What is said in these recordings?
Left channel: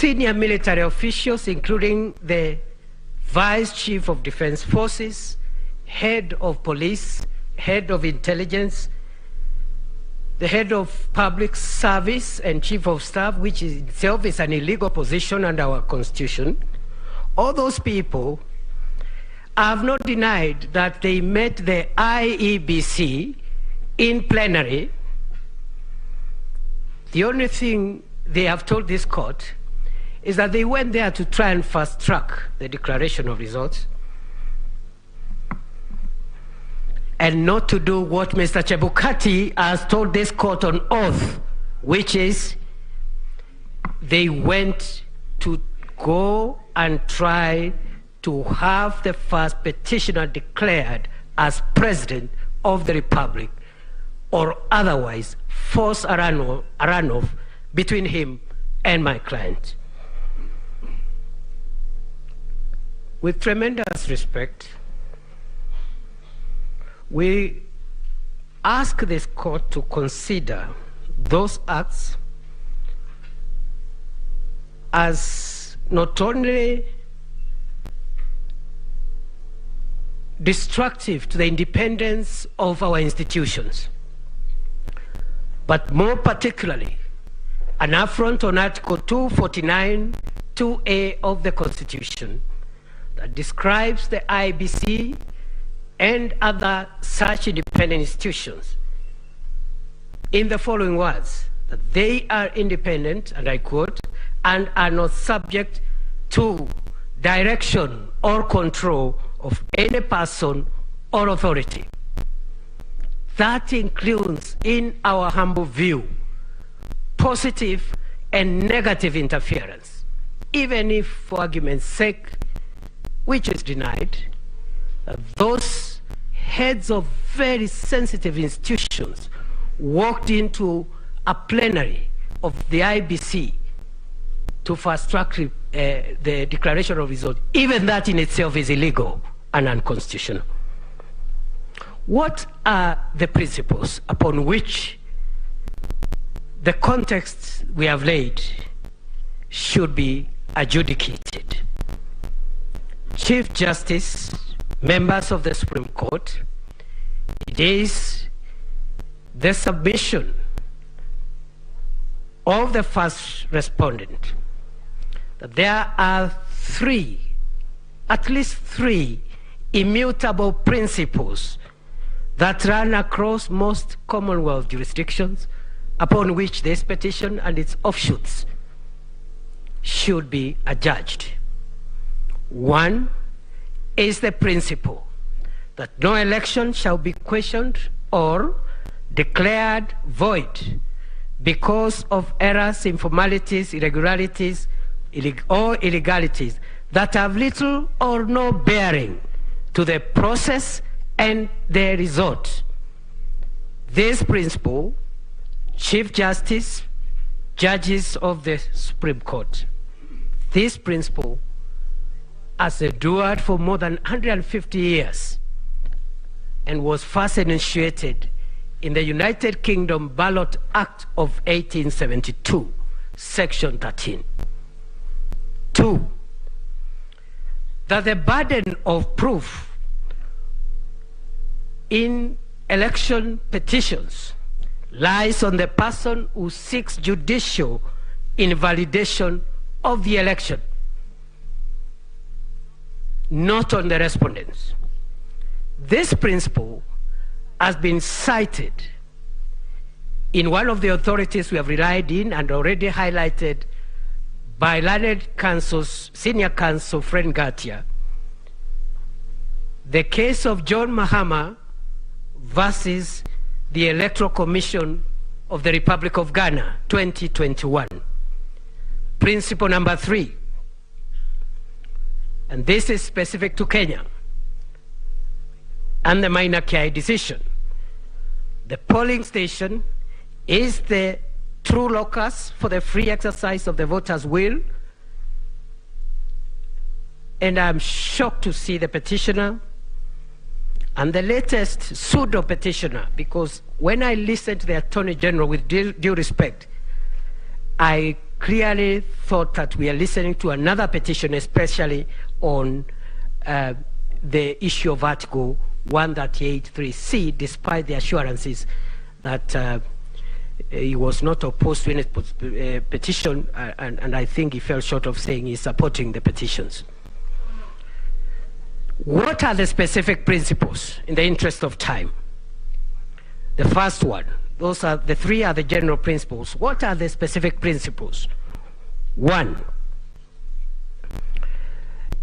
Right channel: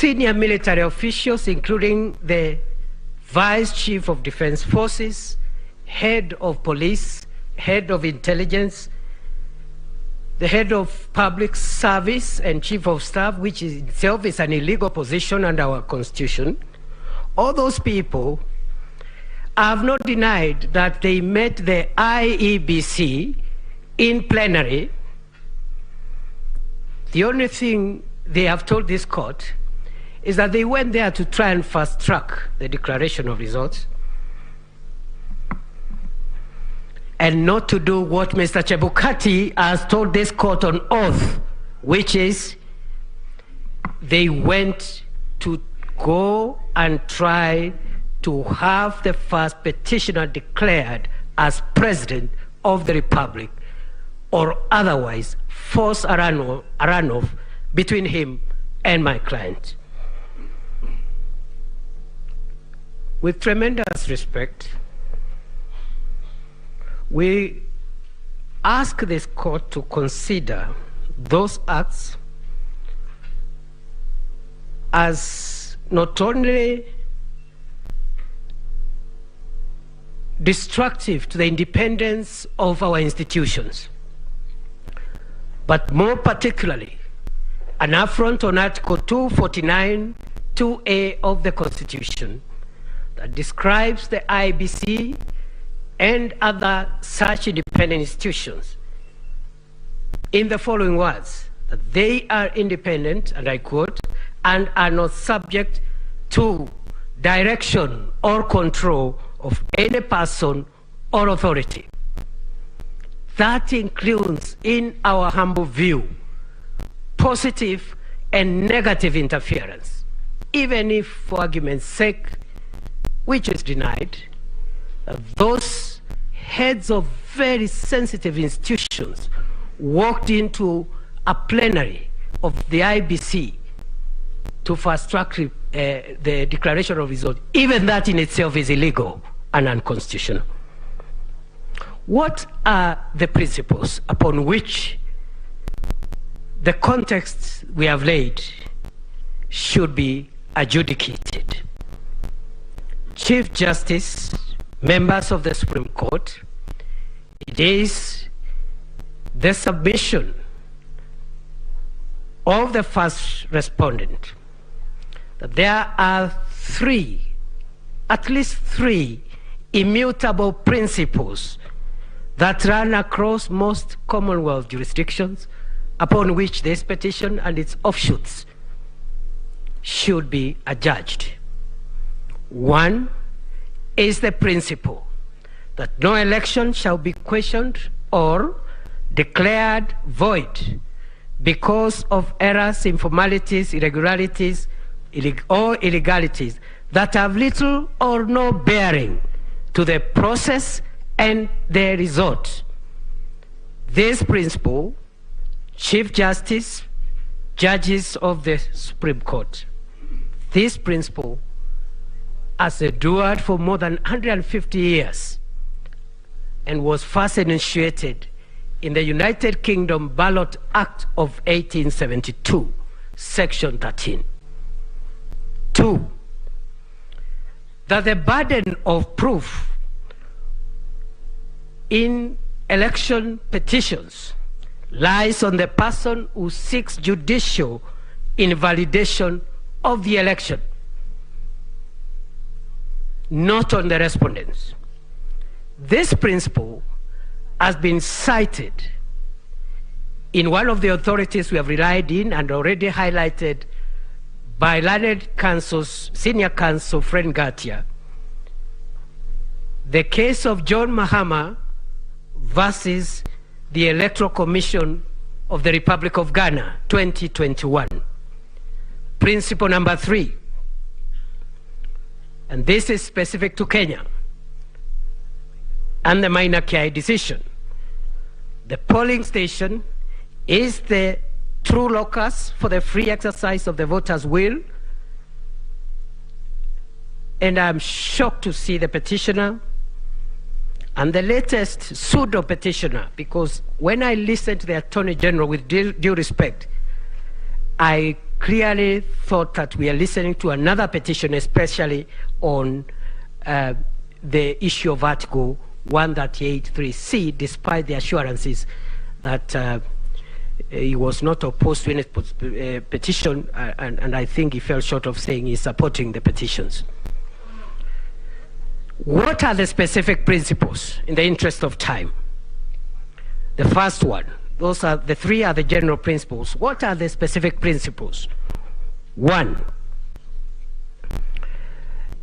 senior military officials, including the Vice Chief of Defense Forces, Head of Police, Head of Intelligence, the Head of Public Service and Chief of Staff, which is itself is an illegal position under our Constitution. All those people have not denied that they met the IEBC in plenary. The only thing they have told this court is that they went there to try and fast-track the declaration of results and not to do what Mr. Chebukati has told this court on oath, which is they went to go and try to have the first petitioner declared as president of the Republic, or otherwise force a runoff between him and my client. With tremendous respect, we ask this court to consider those acts as not only destructive to the independence of our institutions, but more particularly an affront on Article 249, 2A of the Constitution that describes the IBC and other such independent institutions in the following words, that they are independent, and I quote, and are not subject to direction or control of any person or authority. That includes, in our humble view, positive and negative interference, even if, for argument's sake, which is denied, those heads of very sensitive institutions walked into a plenary of the IBC to fast-track the declaration of results. Even that in itself is illegal and unconstitutional. What are the principles upon which the context we have laid should be adjudicated? Chief Justice, members of the Supreme Court, it is the submission of the first respondent that there are at least three immutable principles that run across most Commonwealth jurisdictions upon which this petition and its offshoots should be adjudged. One is the principle that no election shall be questioned or declared void because of errors, informalities, irregularities, or illegalities that have little or no bearing to the process and the result. This principle, Chief Justice, judges of the Supreme Court, this principle has endured for more than 150 years and was first initiated in the United Kingdom Ballot Act of 1872, Section 13. 2, that the burden of proof in election petitions lies on the person who seeks judicial invalidation of the election, not on the respondents. This principle has been cited in one of the authorities we have relied in and already highlighted by learned counsel's senior counsel, Fred Ngatia, the case of John Mahama versus the Electoral Commission of the Republic of Ghana, 2021. Principle number 3, and this is specific to Kenya, and the Maina Kiai decision. The polling station is the true locus for the free exercise of the voters' will, and I'm shocked to see the petitioner and the latest pseudo petitioner, because when I listened to the Attorney General, with due respect, I clearly thought that we are listening to another petition, especially on the issue of Article 138.3c, despite the assurances that he was not opposed to any petition, and I think he fell short of saying he's supporting the petitions. What are the specific principles in the interest of time? The first one, those are the three are the general principles. What are the specific principles? One,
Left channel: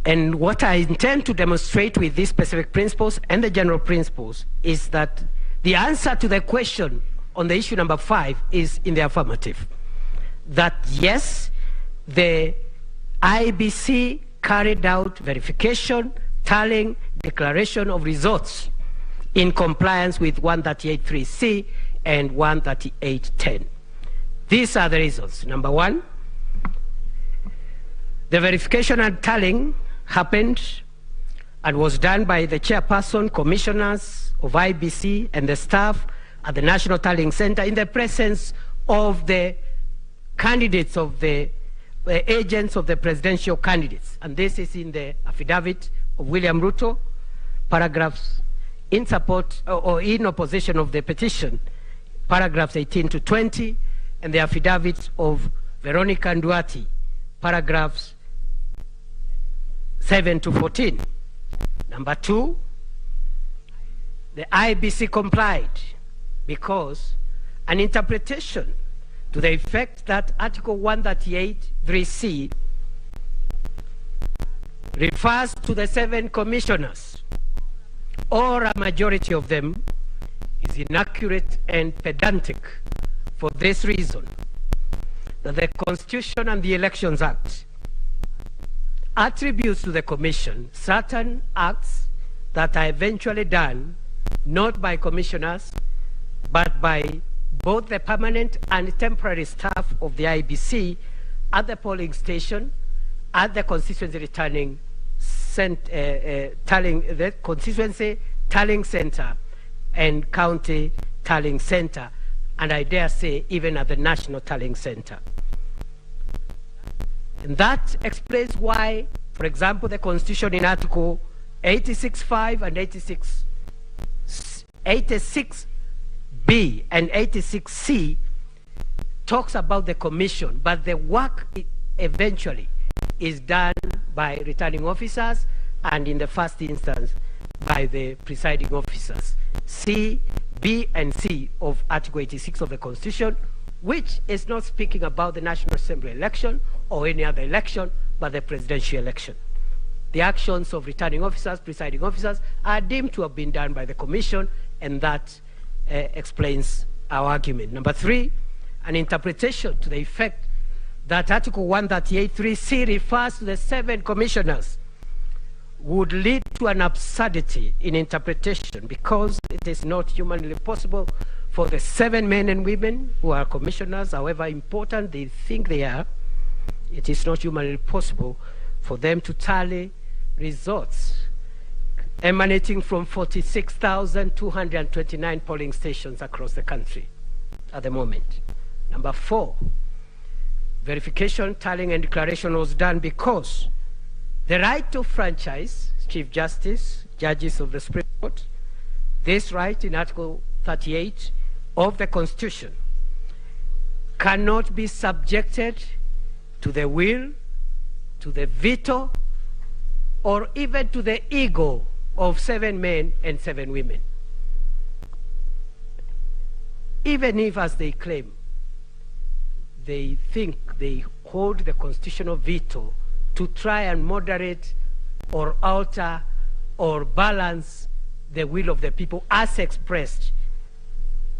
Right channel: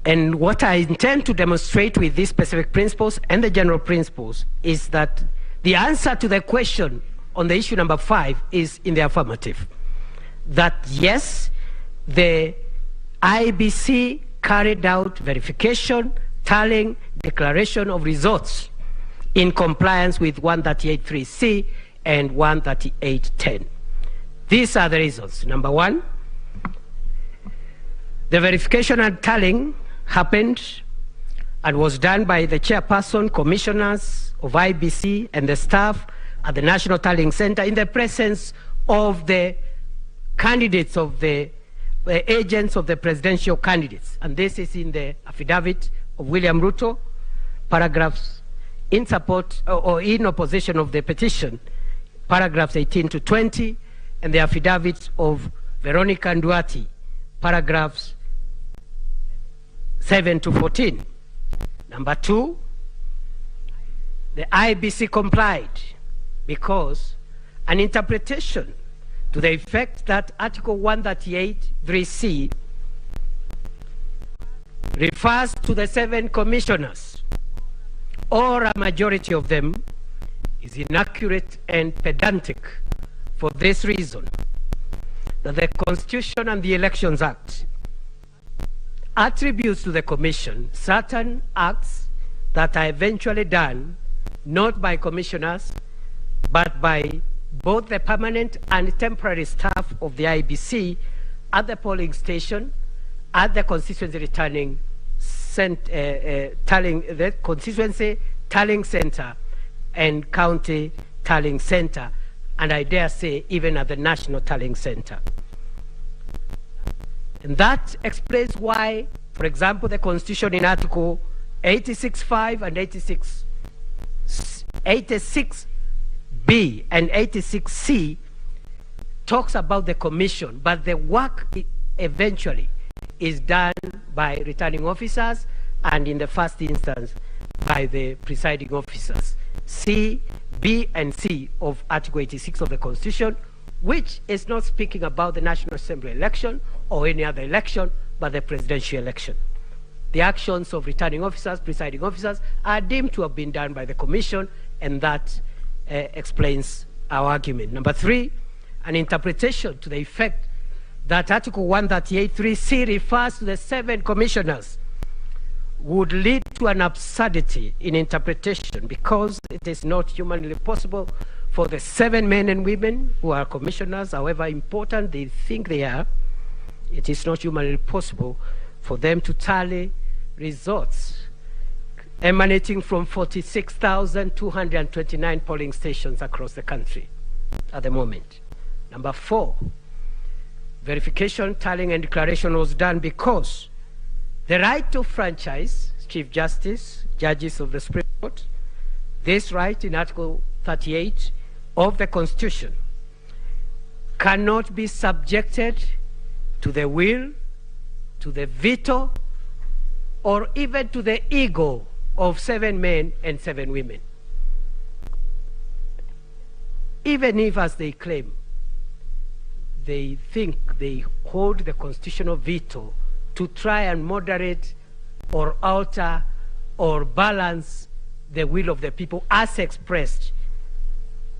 and what I intend to demonstrate with these specific principles and the general principles is that the answer to the question on the issue number 5 is in the affirmative. That yes, the IBC carried out verification, tallying, declaration of results in compliance with 138.3c and 138.10. These are the reasons. Number 1, the verification and tallying happened and was done by the chairperson, commissioners of IBC and the staff at the National Tallying Center in the presence of the candidates of the agents of the presidential candidates. And this is in the affidavit of William RUTO, paragraphs in support or in opposition of the petition, paragraphs 18 to 20, and the affidavit of Veronica Nduati, paragraphs 7 to 14. Number 2, the IBC complied because an interpretation to the effect that Article 138.3c refers to the 7 commissioners, or a majority of them, is inaccurate and pedantic for this reason, that the Constitution and the Elections Act attributes to the Commission certain acts that are eventually done not by commissioners but by both the permanent and temporary staff of the IBC at the polling station, at the constituency returning the constituency tallying center and county tallying center, and I dare say even at the national tallying center. And that explains why, for example, the Constitution in Article 86.5 and 86B and 86C talks about the commission, but the work eventually is done by returning officers and in the first instance by the presiding officers. C, B, and C of Article 86 of the Constitution, which is not speaking about the National Assembly election or any other election, but the presidential election. The actions of returning officers, presiding officers, are deemed to have been done by the Commission, and that explains our argument. Number 3, an interpretation to the effect that Article 138.3c refers to the 7 commissioners would lead to an absurdity in interpretation, because it is not humanly possible for the 7 men and women who are commissioners, however important they think they are, it is not humanly possible for them to tally results emanating from 46,229 polling stations across the country at the moment. Number 4, verification, tallying, and declaration was done because the right of franchise, Chief Justice, judges of the Supreme Court, this right in Article 38 of the Constitution cannot be subjected to the will, to the veto, or even to the ego of 7 men and 7 women. Even if, as they claim, they think they hold the constitutional veto to try and moderate or alter or balance the will of the people as expressed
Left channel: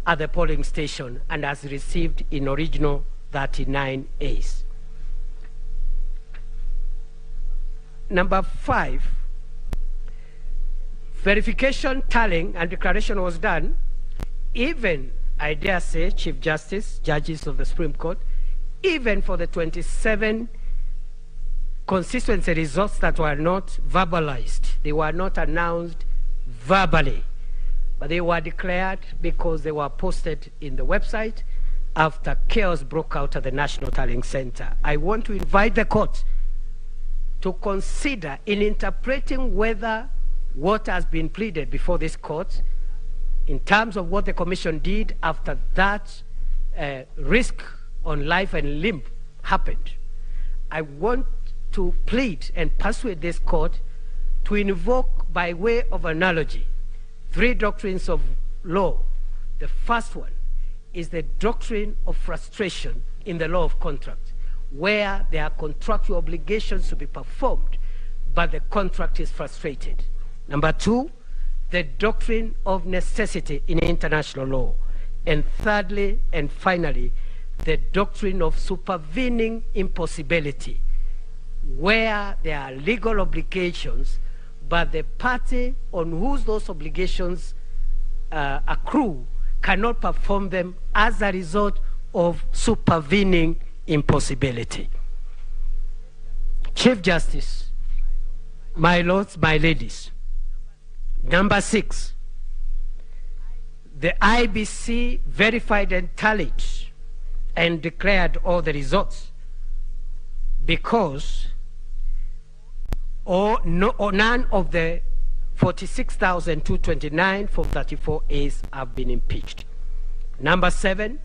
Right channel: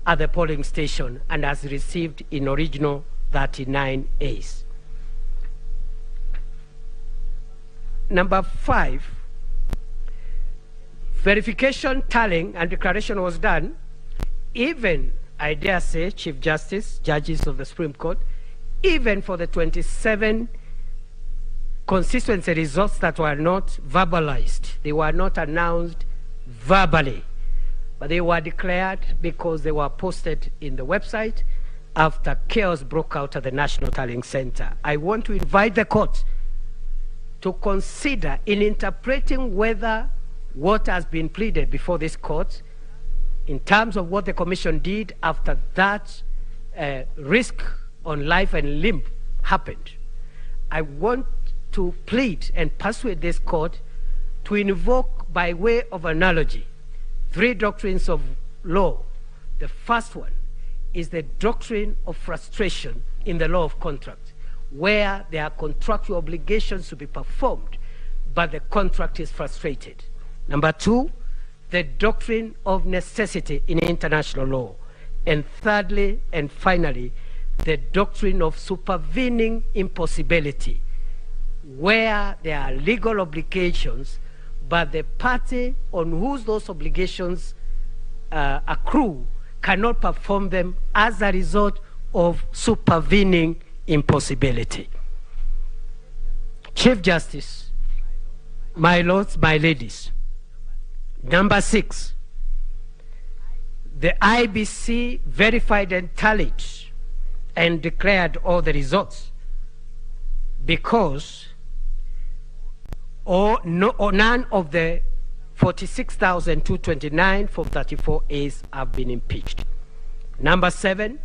at the polling station and as received in original 39As. Number 5, verification, tallying, and declaration was done, even, I dare say, Chief Justice, judges of the Supreme Court, even for the 27 constituency results that were not verbalized. They were not announced verbally, but they were declared because they were posted in the website after chaos broke out at the National Tallying Center. I want to invite the court to consider, in interpreting whether what has been pleaded before this court in terms of what the commission did after that risk on life and limb happened, I want to plead and persuade this court to invoke, by way of analogy, 3 doctrines of law. The first one is the doctrine of frustration in the law of contract, where there are contractual obligations to be performed, but the contract is frustrated. Number 2, the doctrine of necessity in international law. And thirdly and finally, the doctrine of supervening impossibility, where there are legal obligations, but the party on whose those obligations accrue cannot perform them as a result of supervening impossibility. Chief Justice, my lords, my ladies, number 6, the IBC verified and tallied and declared all the results because none of the 46,229 from 34 A's have been impeached. Number 7,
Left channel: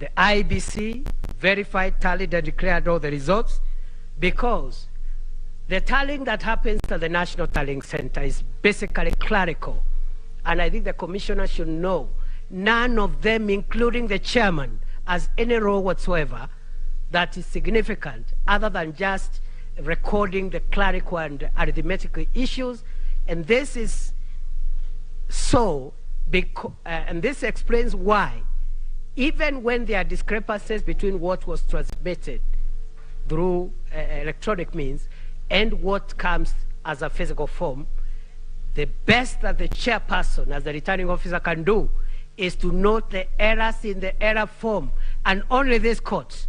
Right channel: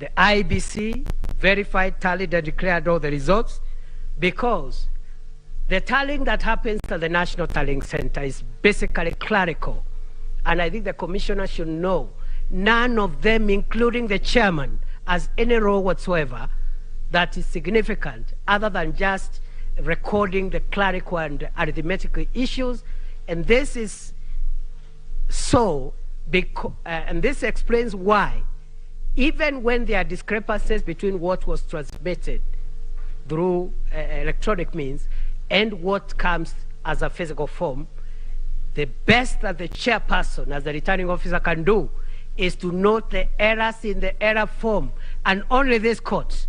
the IBC verified, tallied, and declared all the results because the tallying that happens at the National Tallying Center is basically clerical. And I think the commissioner should know none of them, including the chairman, has any role whatsoever that is significant other than just recording the clerical and arithmetical issues. And this is so, and this explains why, even when there are discrepancies between what was transmitted through electronic means and what comes as a physical form, the best that the chairperson, as the returning officer, can do is to note the errors in the error form, and only this court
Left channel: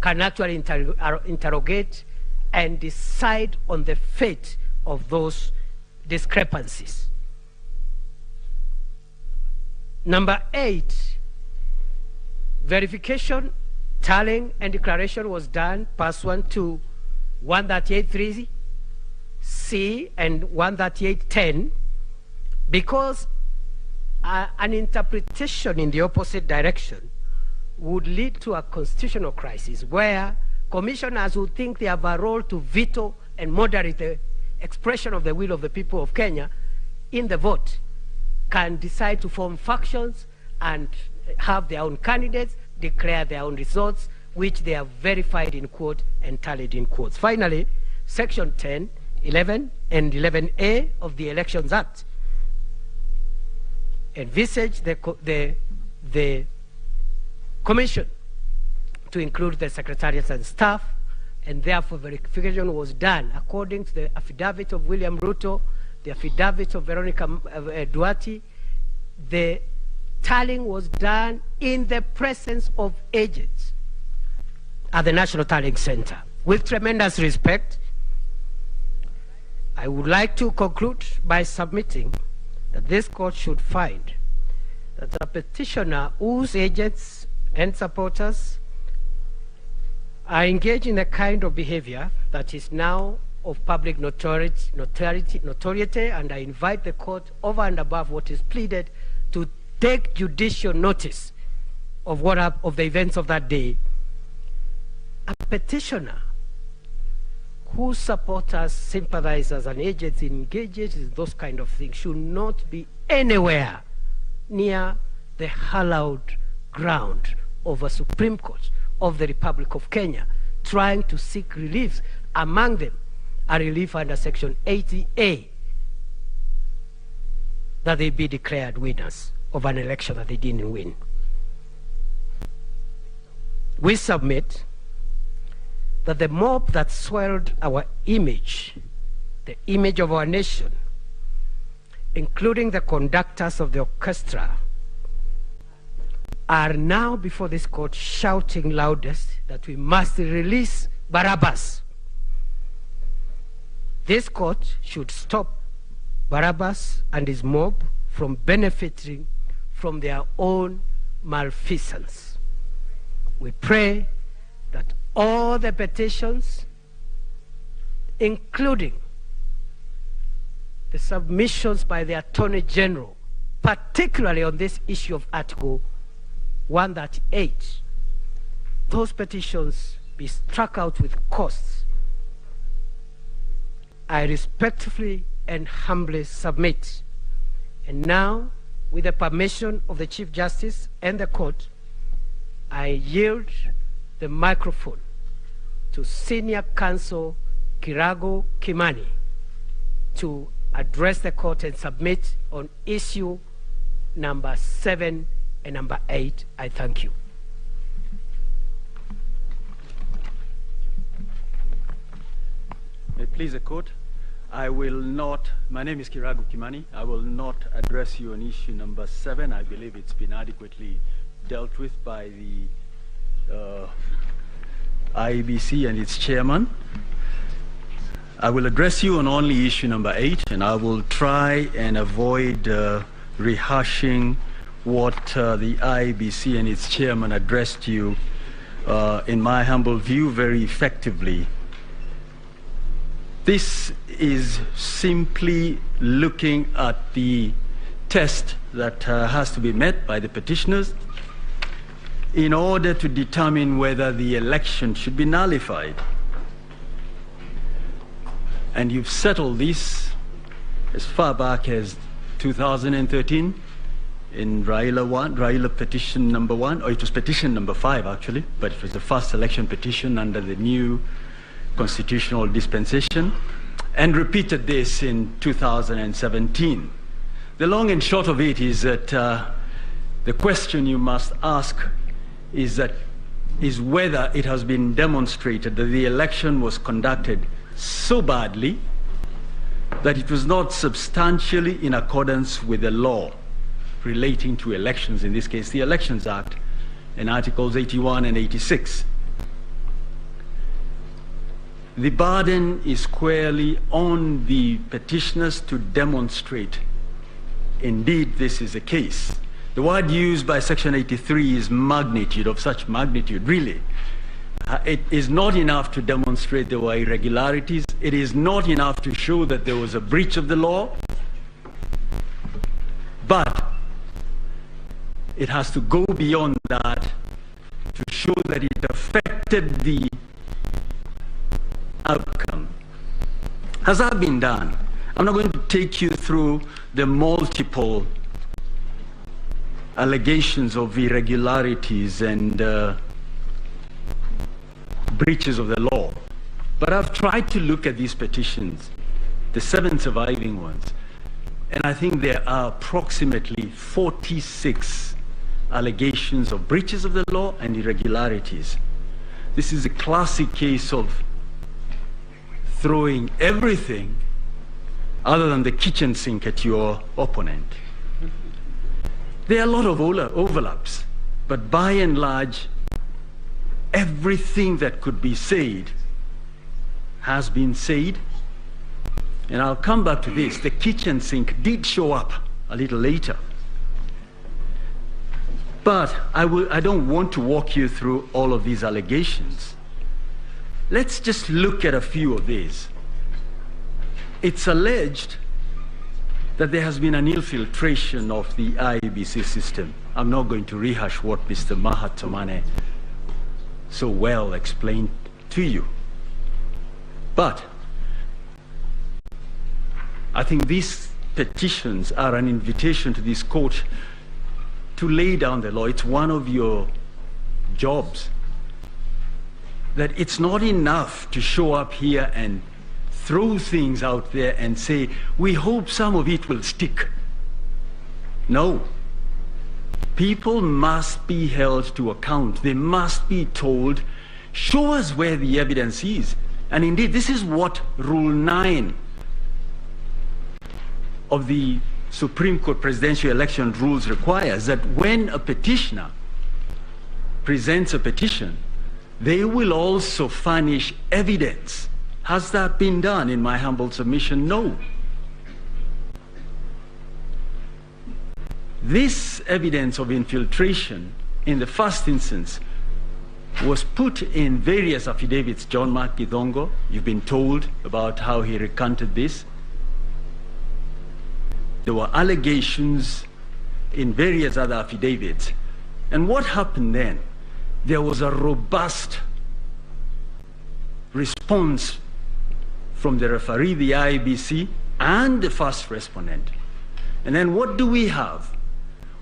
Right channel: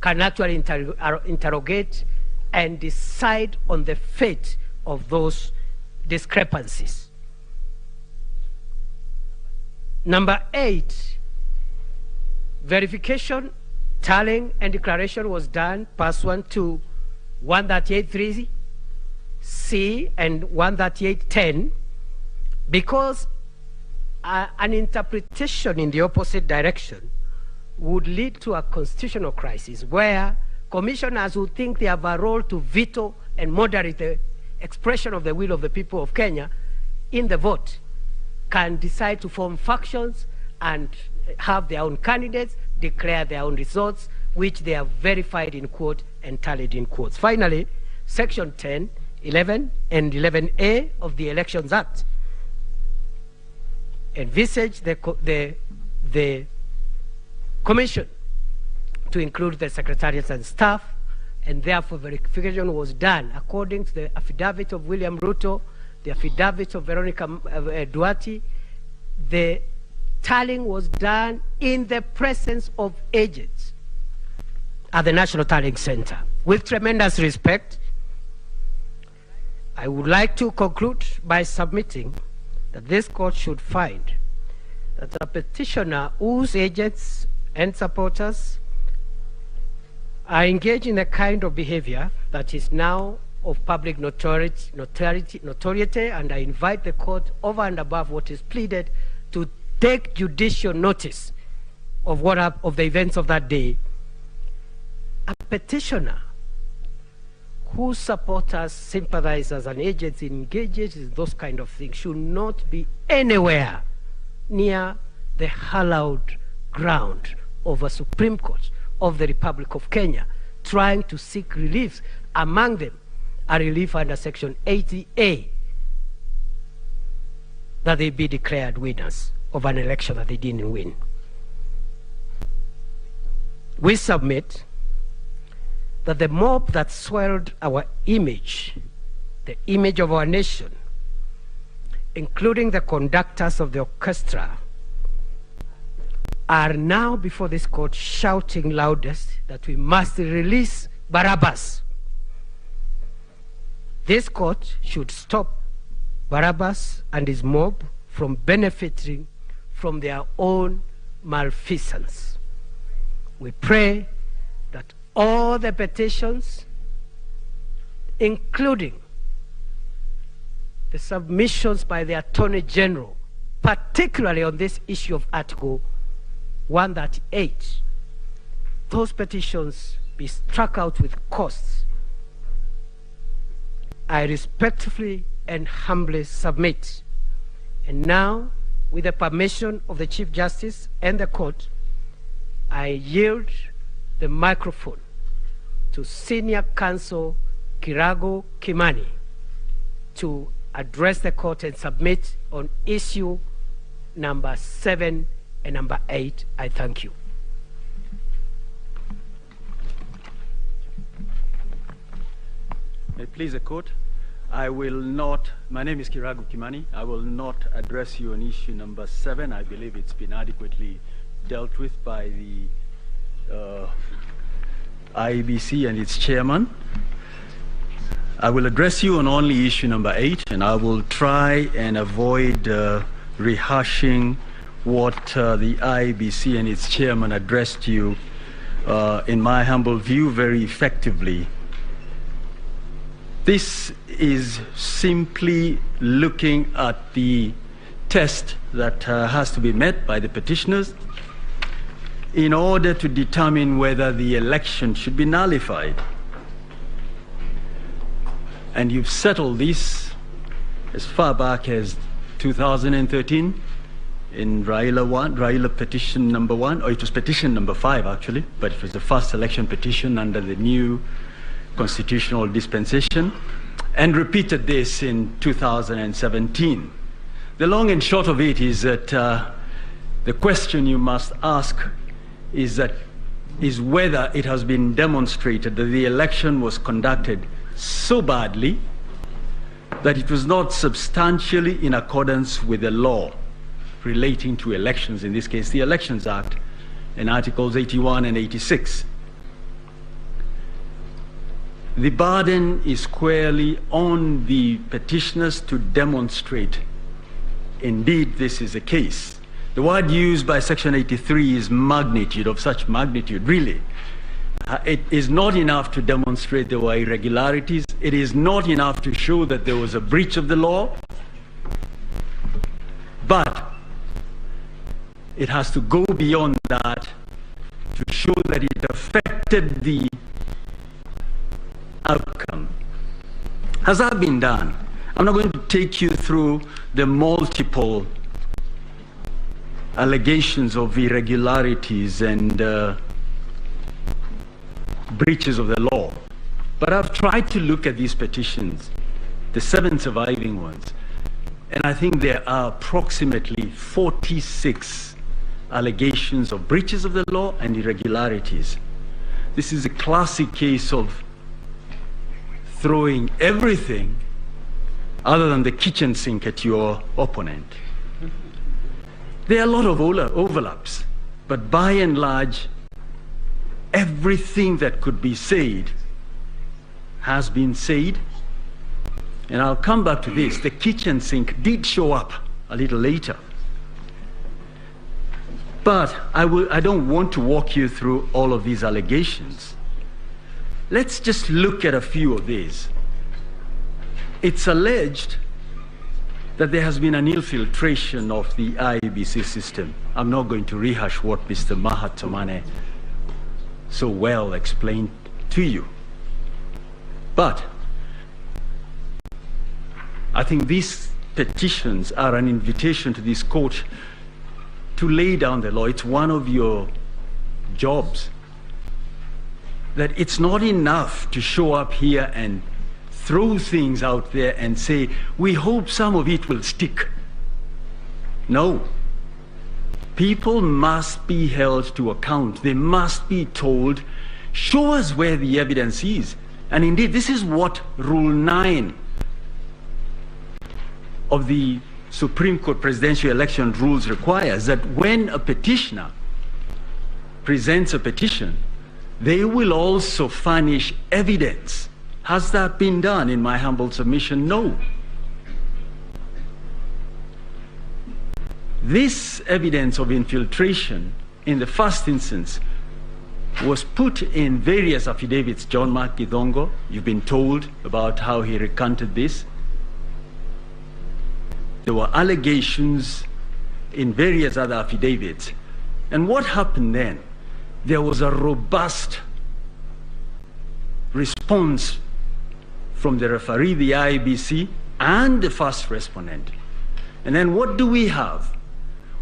can actually interrogate and decide on the fate of those discrepancies. Number 8, verification, tallying, and declaration was done pursuant to 138.3C and 138.10 because an interpretation in the opposite direction would lead to a constitutional crisis where commissioners who think they have a role to veto and moderate the expression of the will of the people of Kenya in the vote can decide to form factions and have their own candidates, declare their own results, which they have verified in quote and tallied in quotes. Finally, Section 10, 11, and 11A of the Elections Act envisage the commission to include the secretariats and staff, and therefore verification was done according to the affidavit of William RUTO, the affidavit of Veronica Duarte. The tallying was done in the presence of agents at the National Tallying Center. With tremendous respect, I would like to conclude by submitting that this court should find that a petitioner whose agents and supporters are engaged in a kind of behavior that is now of public notoriety, and I invite the court, over and above what is pleaded, to take judicial notice of of the events of that day. A petitioner whose supporters, sympathizers, and agents engaged in those kind of things should not be anywhere near the hallowed ground of a Supreme Court of the Republic of Kenya, trying to seek relief, among them a relief under Section 80A, that they be declared winners of an election that they didn't win. We submit that the mob that swelled our image, the image of our nation, including the conductors of the orchestra, are now before this court shouting loudest that we must release Barabbas. This court should stop Barabbas and his mob from benefiting from their own malfeasance. We pray that all the petitions, including the submissions by the Attorney General, particularly on this issue of Article 138, those petitions be struck out with costs. I respectfully and humbly submit. And now, with the permission of the Chief Justice and the court, I yield the microphone to Senior Counsel Kirago Kimani to address the court and submit on issue number 7 and number 8. I thank you. May it please the court, I will not, my name is Kirago Kimani, I will not address you on issue number 7. I believe it's been adequately dealt with by the IEBC and its chairman. I will address you on only issue number 8, and I will try and avoid rehashing what the IEBC and its chairman addressed you, in my humble view, very effectively. This is simply looking at the test that has to be met by the petitioners in order to determine whether the election should be nullified. And you've settled this as far back as 2013 in Raila petition number 1, or it was petition number 5 actually, but it was the first election petition under the new constitutional dispensation, and repeated this in 2017. The long and short of it is that the question you must ask is whether it has been demonstrated that the election was conducted so badly that it was not substantially in accordance with the law relating to elections, in this case the Elections Act in Articles 81 and 86. The burden is squarely on the petitioners to demonstrate indeed this is the case. The word used by Section 83 is magnitude, of such magnitude, really. It is not enough to demonstrate there were irregularities. It is not enough to show that there was a breach of the law. But it has to go beyond that to show that it affected the outcome. Has that been done? I'm not going to take you through the multiple allegations of irregularities and breaches of the law, but I've tried to look at these petitions, the 7 surviving ones, and I think there are approximately 46 allegations of breaches of the law and irregularities. This is a classic case of throwing everything other than the kitchen sink at your opponent. There are a lot of overlaps, but by and large, everything that could be said has been said. And I'll come back to this. The kitchen sink did show up a little later. But I don't want to walk you through all of these allegations. Let's just look at a few of these. It's alleged that there has been an infiltration of the IEBC system. I'm not going to rehash what Mr. Mahatomane so well explained to you. But I think these petitions are an invitation to this court to lay down the law. It's one of your jobs. That it's not enough to show up here and throw things out there and say, we hope some of it will stick. No. People must be held to account. They must be told, show us where the evidence is. And indeed, this is what Rule 9 of the Supreme Court Presidential Election Rules requires, that when a petitioner presents a petition, they will also furnish evidence. Has that been done in my humble submission? No. This evidence of infiltration, in the first instance, was put in various affidavits. John Mark Githongo, you've been told about how he recanted this. There were allegations in various other affidavits. And what happened then? There was a robust response from the referee, the IEBC, and the first respondent. And then what do we have?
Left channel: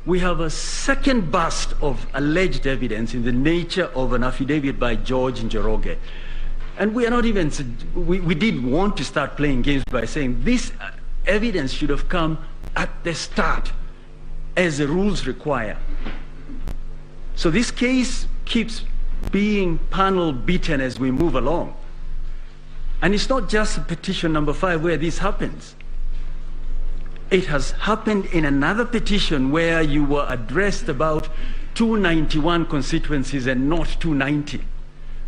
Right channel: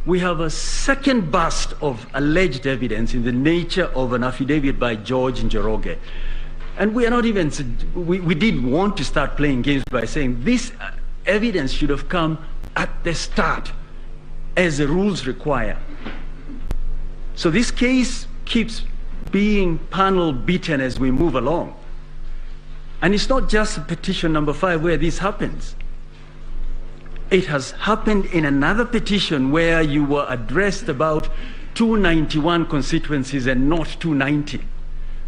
We have a second burst of alleged evidence in the nature of an affidavit by George Njoroge. And we are not even, we did want to start playing games by saying this evidence should have come at the start, as the rules require. So this case keeps being panel beaten as we move along. And it's not just petition number 5 where this happens. It has happened in another petition where you were addressed about 291 constituencies and not 290.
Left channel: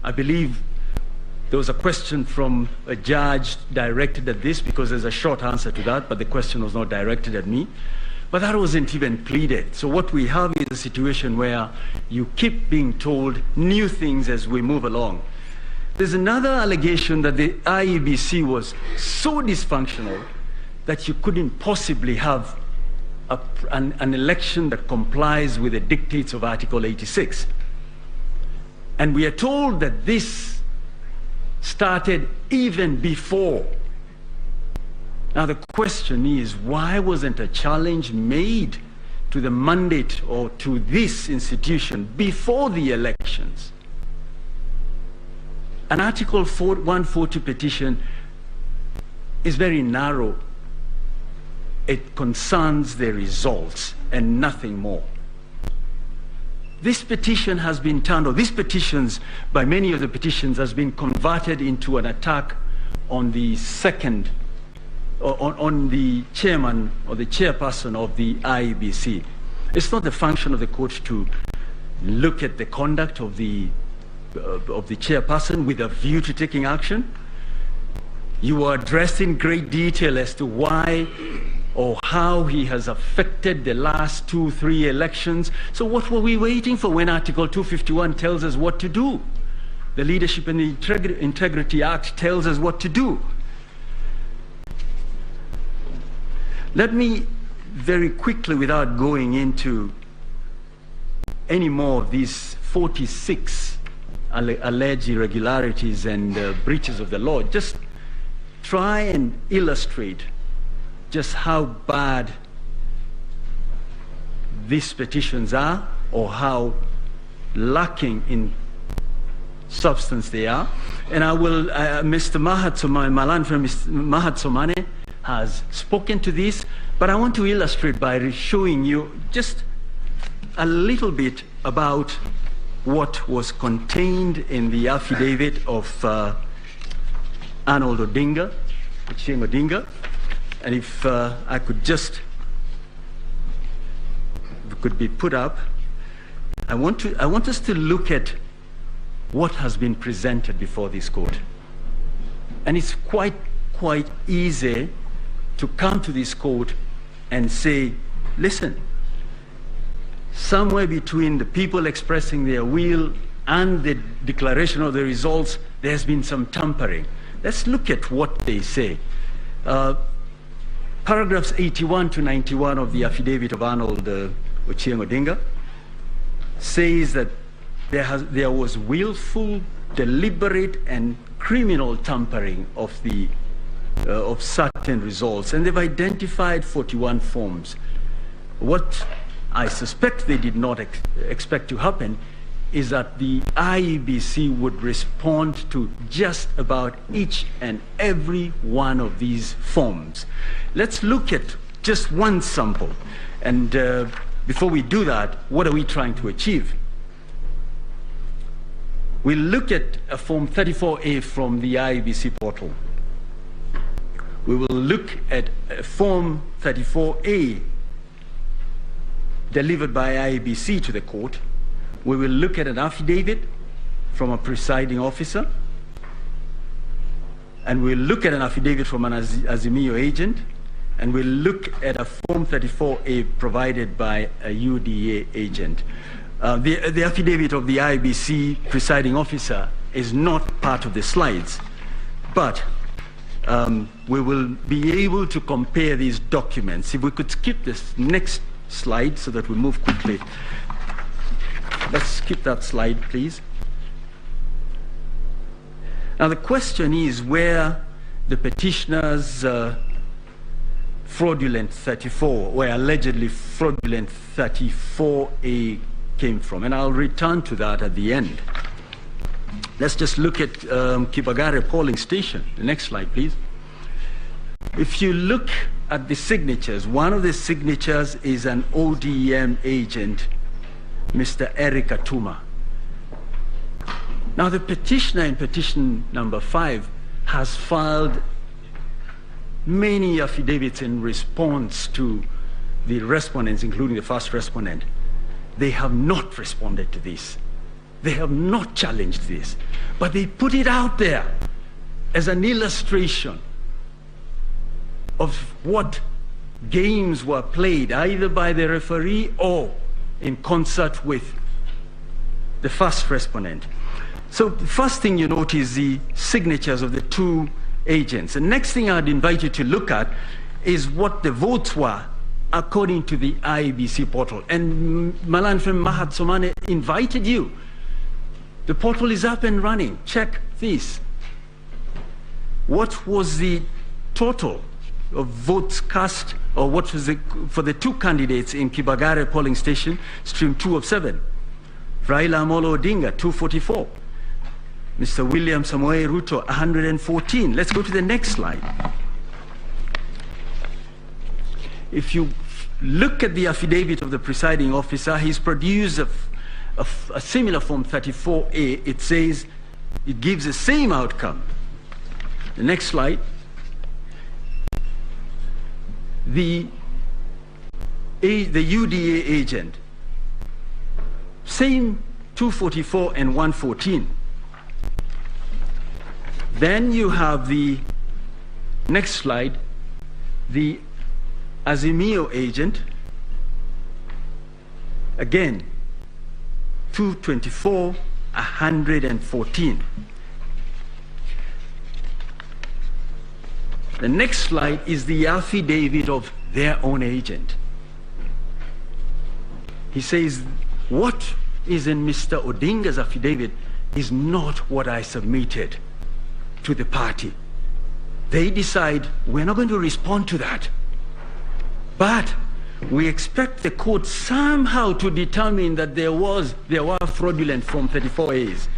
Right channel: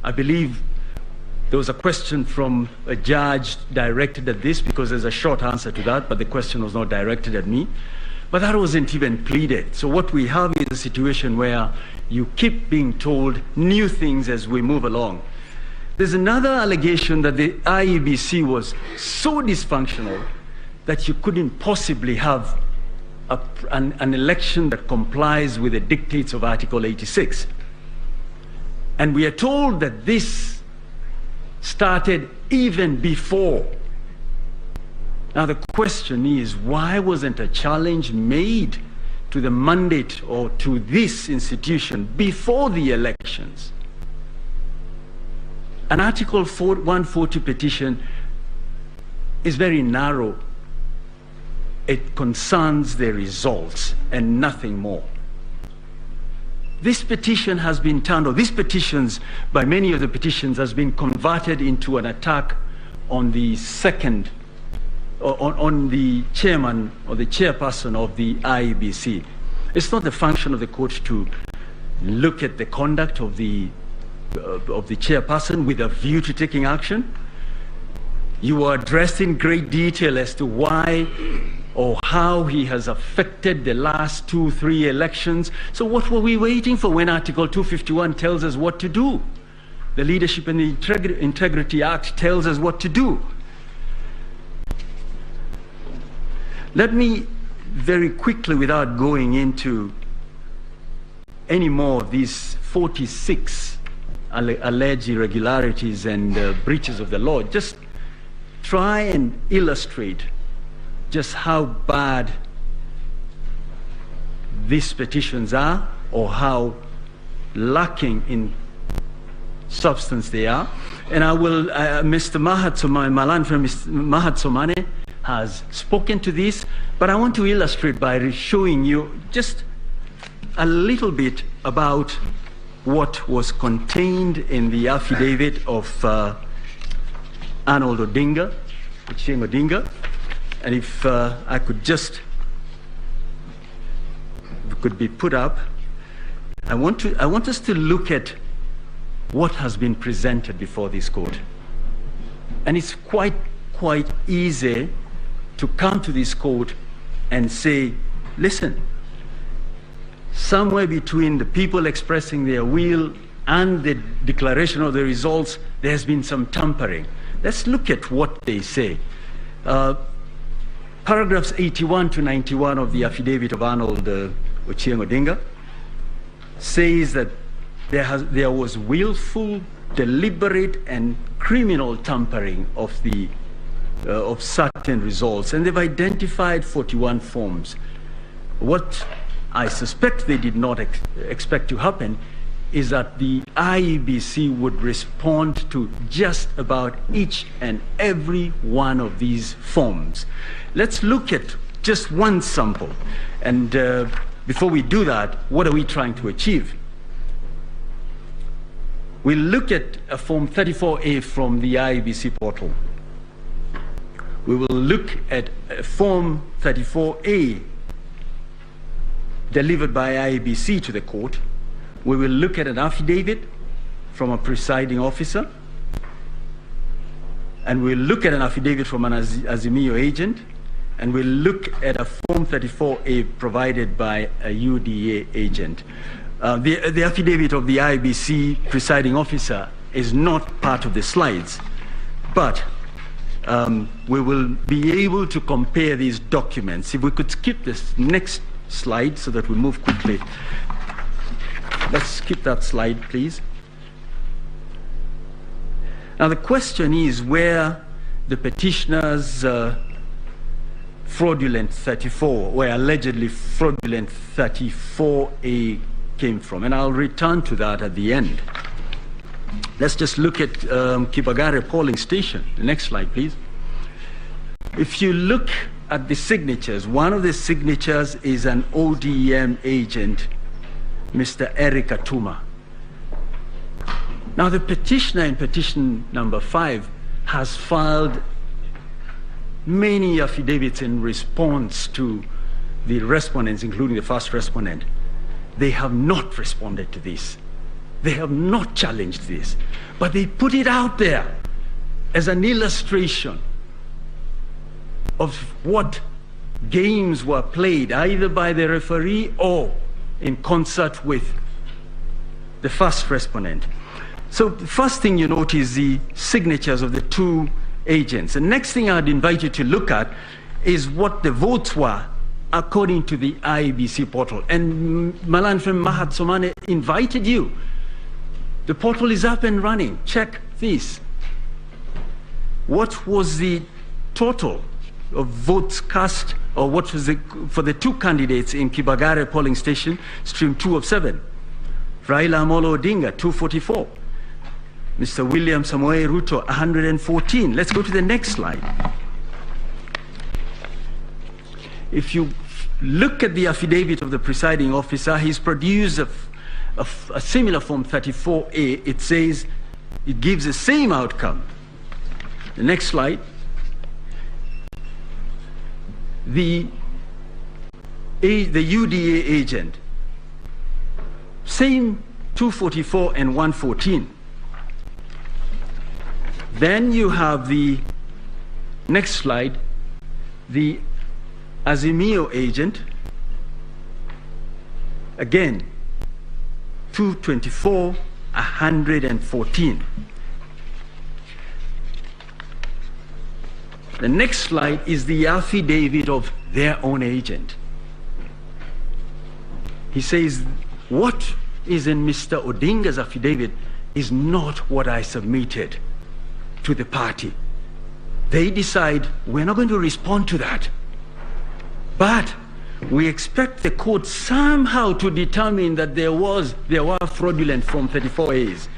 I believe there was a question from a judge directed at this, because there's a short answer to that, but the question was not directed at me. But that wasn't even pleaded. So what we have is a situation where you keep being told new things as we move along. There's another allegation that the IEBC was so dysfunctional that you couldn't possibly have an election that complies with the dictates of Article 86. And we are told that this started even before. Now the question is, why wasn't a challenge made to the mandate or to this institution before the elections? An Article 140 petition is very narrow. It concerns the results and nothing more. This petition has been turned, or these petitions, by many of the petitions, has been converted into an attack on the second, on the chairman or the chairperson of the IEBC. It's not the function of the court to look at the conduct of the chairperson with a view to taking action. You were addressed in great detail as to why or how he has affected the last 2-3 elections. So what were we waiting for when Article 251 tells us what to do? The Leadership and the Integrity Act tells us what to do. Let me very quickly, without going into any more of these 46 alleged irregularities and breaches of the law, just try and illustrate just how bad these petitions are, or how lacking in substance they are. And I will, Mr. Mahatsomane, my land friend Mr. Mahatsomane has spoken to this, but I want to illustrate by showing you just a little bit about what was contained in the affidavit of Arnold Odinga, Ochieng Odinga. And if I could just, if it could be put up, I want us to look at what has been presented before this court. And it's quite easy to come to this court and say, listen, somewhere between the people expressing their will and the declaration of the results, there's been some tampering. Let's look at what they say. Paragraphs 81 to 91 of the affidavit of Arnold Ochieng Odinga says that there was willful, deliberate, and criminal tampering of certain results, and they've identified 41 forms. What I suspect they did not expect to happen is that the IEBC would respond to just about each and every one of these forms. Let's look at just one sample. And before we do that, what are we trying to achieve? We'll look at a Form 34A from the IEBC portal. We will look at Form 34A delivered by IEBC to the court. We will look at an affidavit from a presiding officer, and we'll look at an affidavit from an Azimio agent, and we'll look at a Form 34A provided by a UDA agent. The affidavit of the IBC presiding officer is not part of the slides, but we will be able to compare these documents. If we could skip this next slide so that we move quickly. Let's skip that slide, please. Now the question is where the petitioner's fraudulent 34, or allegedly fraudulent 34A came from, and I'll return to that at the end. Let's just look at Kibagare polling station. The next slide, please. If you look at the signatures, one of the signatures is an ODM agent, Mr. Eric Atuma. Now the petitioner in petition number 5 has filed many affidavits in response to the respondents, including the first respondent. They have not responded to this. They have not challenged this, but they put it out there as an illustration of what games were played either by the referee or in concert with the first respondent. So the first thing you note is the signatures of the two agents. The next thing I'd invite you to look at is what the votes were according to the IBC portal. And Malanfem Mahat Somane invited you. The portal is up and running. Check this. What was the total of votes cast, or what was it for the two candidates in Kibagare polling station, stream 2 of 7? Raila Amolo Odinga, 244. Mr. William Samoei Ruto, 114. Let's go to the next slide. If you look at the affidavit of the presiding officer, he's produced a similar form 34A. It says it gives the same outcome. The next slide. The UDA agent, same 244 and 114. Then you have the next slide, the Azimio agent, again 224, 114. The next slide is the affidavit of their own agent. He says, what is in Mr. Odinga's affidavit is not what I submitted to the party. They decide, we're not going to respond to that. But we expect the court somehow to determine that there were fraudulent Form 34As.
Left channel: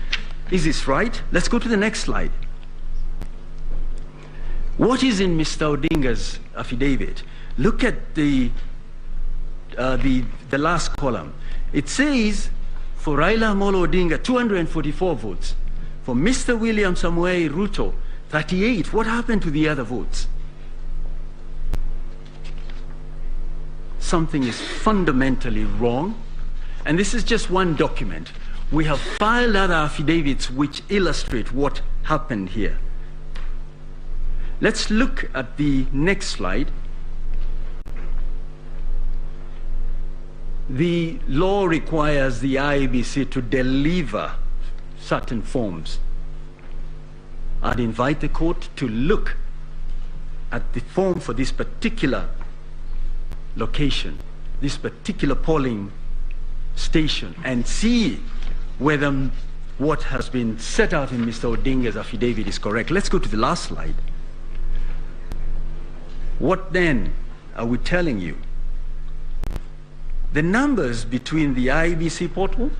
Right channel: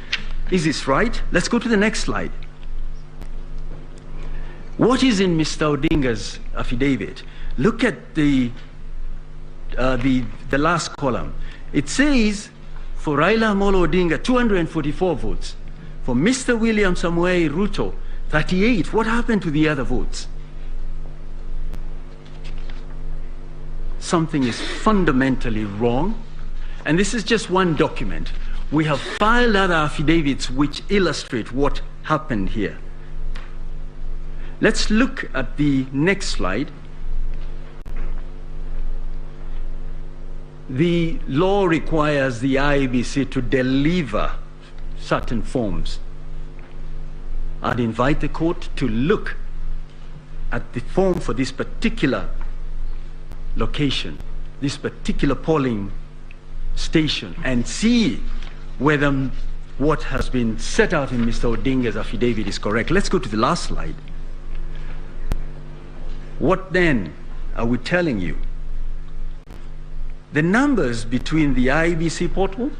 Is this right? Let's go to the next slide. What is in Mr. Odinga's affidavit? Look at the last column. It says, for Raila Amolo Odinga, 244 votes. For Mr. William Samoei Ruto, 38. What happened to the other votes? Something is fundamentally wrong. And this is just one document. We have filed other affidavits which illustrate what happened here. Let's look at the next slide. The law requires the IEBC to deliver certain forms. I'd invite the court to look at the form for this particular location, this particular polling station, and see whether what has been set out in Mr. Odinga's affidavit is correct. Let's go to the last slide. What then are we telling you? The numbers between the IEBC portal